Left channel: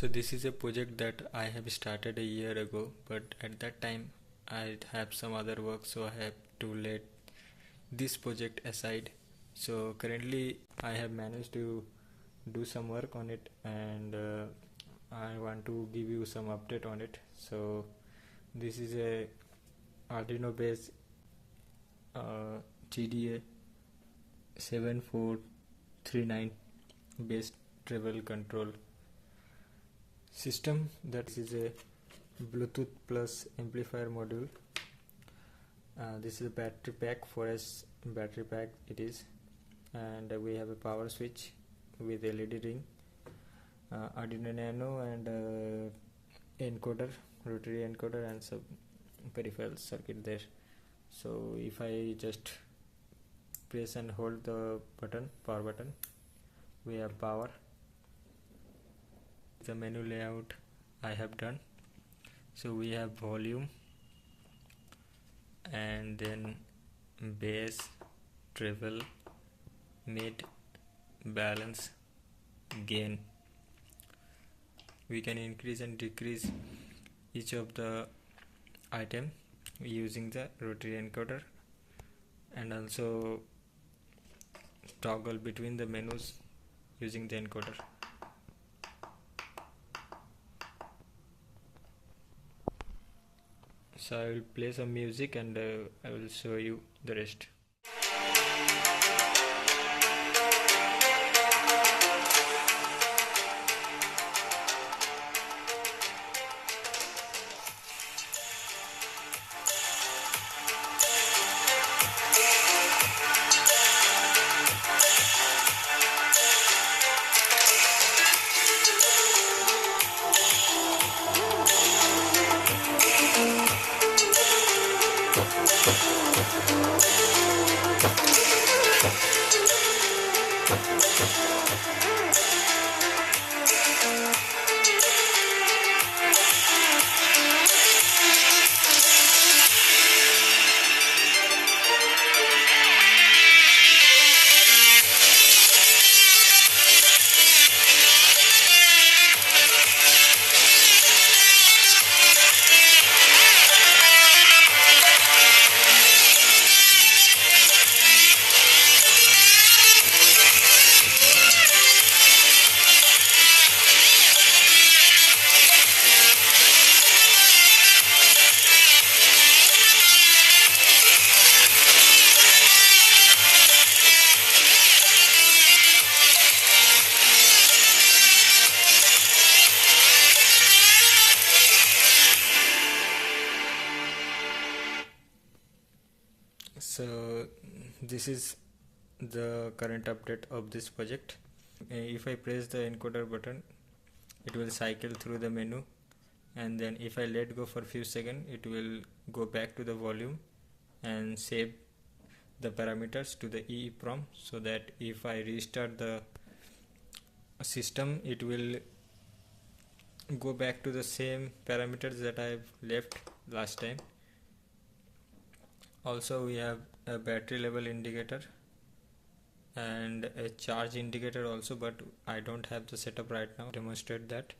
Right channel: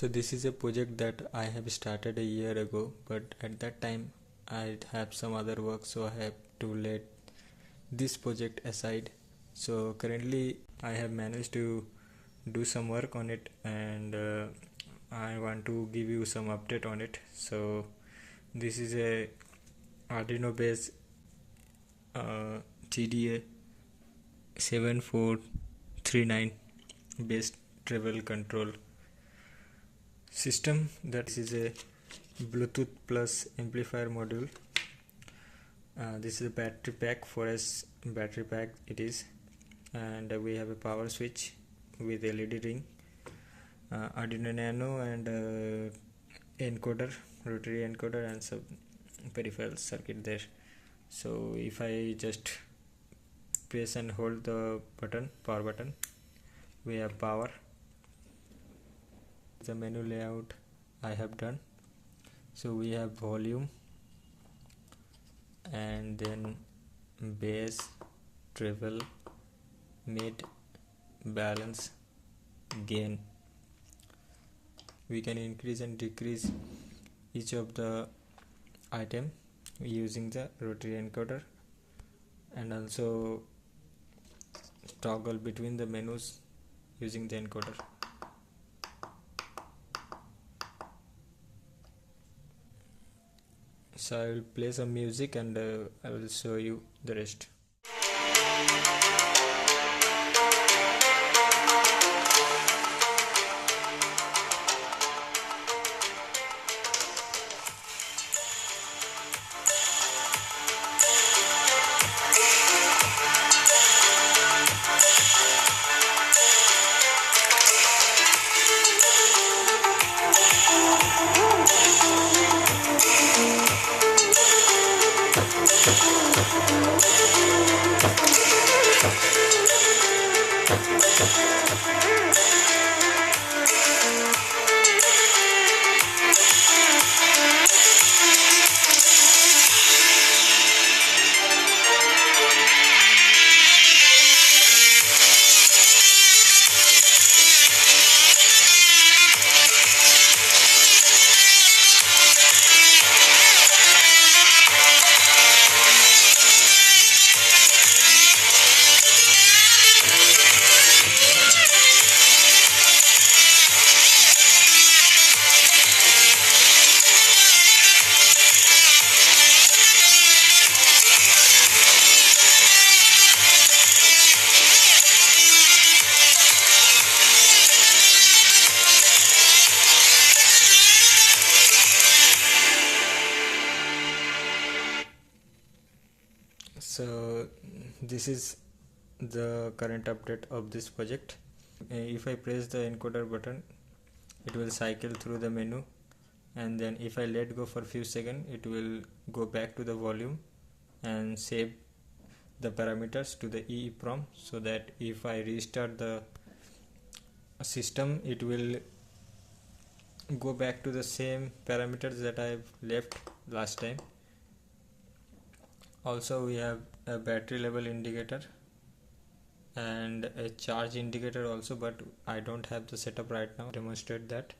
So this is a project that I have started a year ago, but at that time I have some other work, so I have to let this project aside. So currently I have managed to do some work on it, and I want to give you some update on it. So this is a Arduino based GDA 7439 based travel control system. That is a Bluetooth plus amplifier module. This is a battery pack, 4S battery pack it is, and we have a power switch with LED ring, Arduino nano, and encoder, rotary encoder, and some peripheral circuit there. So if I just press and hold the button, power button, we have power. The menu layout I have done. So we have volume, and then bass, treble, mid, balance, gain. We can increase and decrease each of the item using the rotary encoder, and also toggle between the menus using the encoder. So I will play some music, and I will show you the rest. So this is the current update of this project. If I press the encoder button, it will cycle through the menu, and then if I let go for a few seconds, it will go back to the volume and save the parameters to the EEPROM, so that if I restart the system, it will go back to the same parameters that I've left last time. Also we have a battery level indicator and a charge indicator also, but I don't have the setup right now to demonstrate that.